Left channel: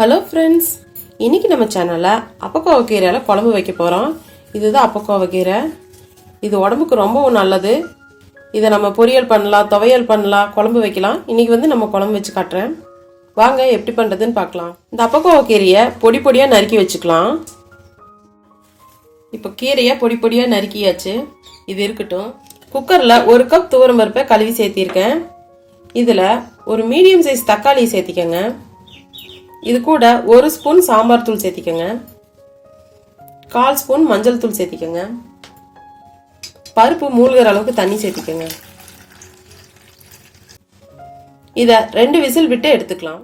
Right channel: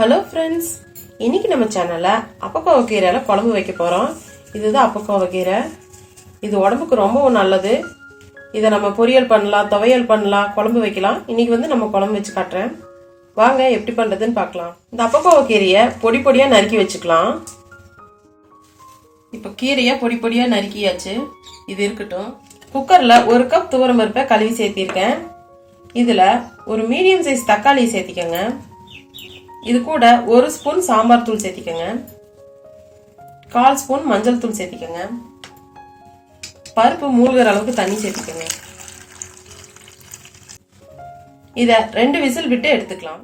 Hello friends, இன்னைக்கு நம்ம சேனல்ல அப்பக்கோவ கீரையில குழம்பு வைக்க போறோம். இதுதான் அப்பக்கோவ கீரை. இது உடம்புக்கு ரொம்பவும் நல்லது. இதை நம்ம பொரியல் பண்ணலாம், துவையல் பண்ணலாம், குழம்பு வைக்கலாம். இன்னைக்கு நம்ம குழம்பு வச்சு காட்டுறேன். வாங்க எப்படி பண்றதுன்னு பார்க்கலாம். இந்த அப்பக்கோவ கீரையை பொடி பொடியா நறுக்கி வச்சுக்கலாம். இப்ப கீரையை பொடி பொடியா நறுக்கியாச்சு. இது இருக்கட்டும். குக்கர்ல 1 கப் துவரம் பருப்பை கழுவி சேர்த்திருக்கேன். இதுல ஒரு மீடியம் சைஸ் தக்காளியை சேர்த்திக்கங்க. இது கூட 1 ஸ்பூன் சாம்பார் தூள் சேர்த்திக்கங்க. 1/4 ஸ்பூன் மஞ்சள் தூள் சேர்த்திக்கங்க. பருப்பு மூழ்கிற அளவுக்கு தண்ணி சேர்த்திக்கங்க. இத 2 விசில் விட்டு எடுத்துக்கலாம்.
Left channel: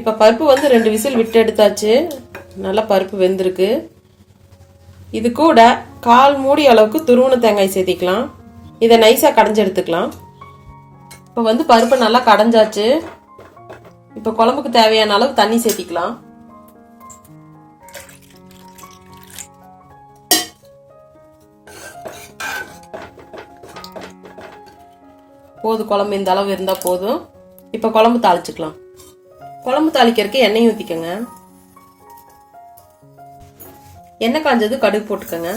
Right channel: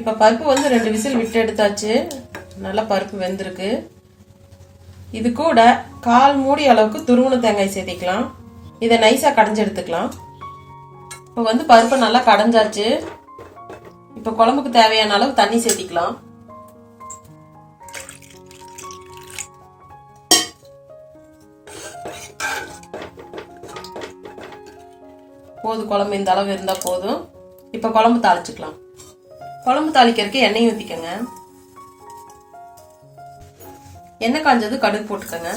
இப்ப பருப்பு 2 விசில் விட்டு எடுத்தாச்சு. நல்லா பருப்பு வெந்திருக்கு. இது கூட 1/4 மூடி அளவுக்கு துருவன தேங்காய் சேர்த்திக்கலாம். இதை நைஸா கடைஞ்சு எடுத்துக்கலாம். இப்ப பருப்பு நல்லா கடைஞ்சாச்சு. இப்ப குழம்புக்கு தேவையான அளவு தண்ணி சேர்த்திக்கலாம். போதும், குழம்பு இந்த அளவு இருந்தா போதும். இப்ப குழம்பு தாளிச்சுக்கலாம். குழம்பு தாளிக்கிறதுக்கு எண்ணெய் ஊத்திக்கங்க. எண்ணெய் காஞ்சது கடுகு போட்டுக்கங்க.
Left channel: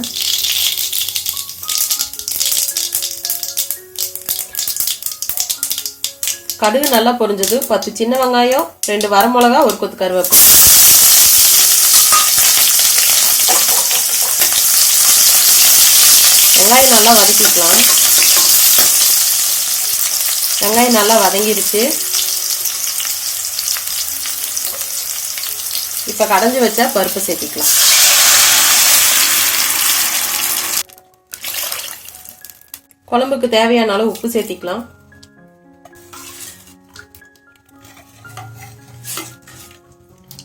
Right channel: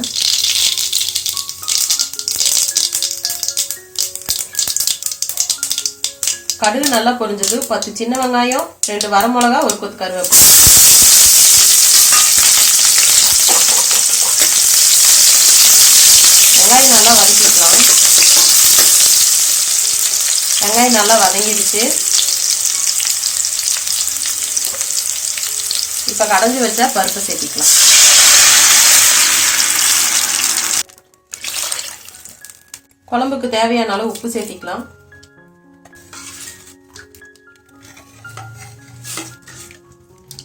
கடுகு நல்லா பொரிஞ்சது 10 சின்ன வெங்காயம், 2 வரமிளகா, 1 கொத்து கருவேப்பிலை. வெங்காயம் நல்லா வதக்கிக்கலாம். வெங்காயம் நல்லா வதங்கிடுச்சு. இப்ப கடைஞ்சு வச்ச பருப்பு சேர்த்திக்கலாம். குழம்புக்கு தேவையான அளவு உப்பு சேர்த்திக்கலாம்.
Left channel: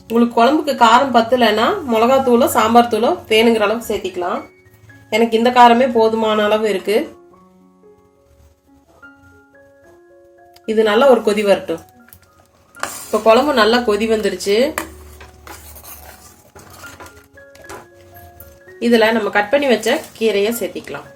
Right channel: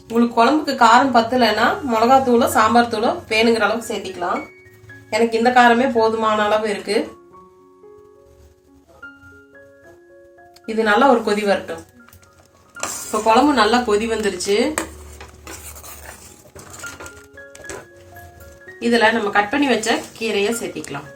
உங்களுக்கு குழம்புக்கு காரம் பத்தலைன்னா மிளகாத்தூளோ சாம்பார் தூளோ வேணுங்கிற அளவுக்கு சேர்த்திக்கலாம். எனக்கு இந்த காரமே போதுமான அளவு இருக்கு. இது நல்லா ஒரு கொதி வரட்டும். இப்ப குழம்பு நல்லா கொதி வந்துருச்சு. இதுல நம்ம கட் பண்ணி வச்ச கீரையை சேர்த்திக்கலாம்.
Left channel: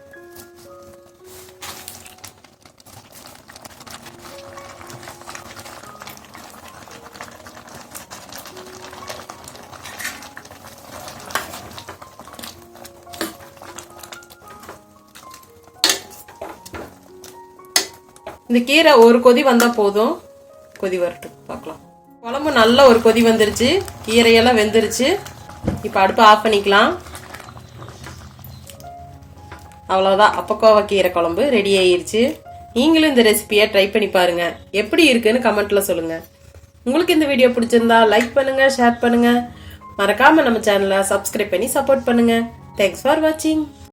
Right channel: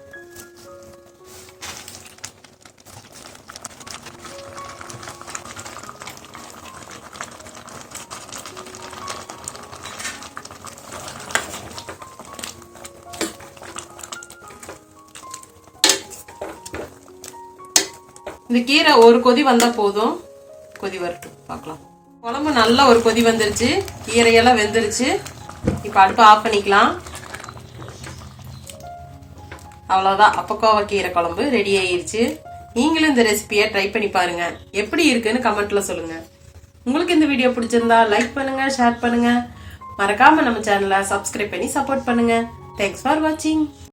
இந்த கீரை ஒரு கொதி வந்தா போதும். கொதி வரட்டும், பார்க்கலாம். குழம்பு நல்லா ஒரு கொதி வந்துருச்சு. கீரையெல்லாம் வெந்துருச்சு. இப்ப அடுப்பு ஆஃப் பண்ணிக்கலாம். அவ்வளவுதான், அப்பக்கோவ கீரை குழம்பு ரெடி ஆயிருச்சு. நீங்களும் இந்த ரெசிபியை ட்ரை பண்ணி பாருங்க. எப்படி இருக்குன்னு கமெண்ட்ல சொல்லுங்க. உங்களுக்கு இந்த வீடியோ பிடிச்சிருந்தா லைக் பண்ணுங்க, ஷேர் பண்ணுங்க. மறக்காம நம்ம சேனலை சப்ஸ்கிரைப் பண்ணி சப்போர்ட் பண்ணுங்க. தேங்க்ஸ் ஃபார் வாட்சிங்.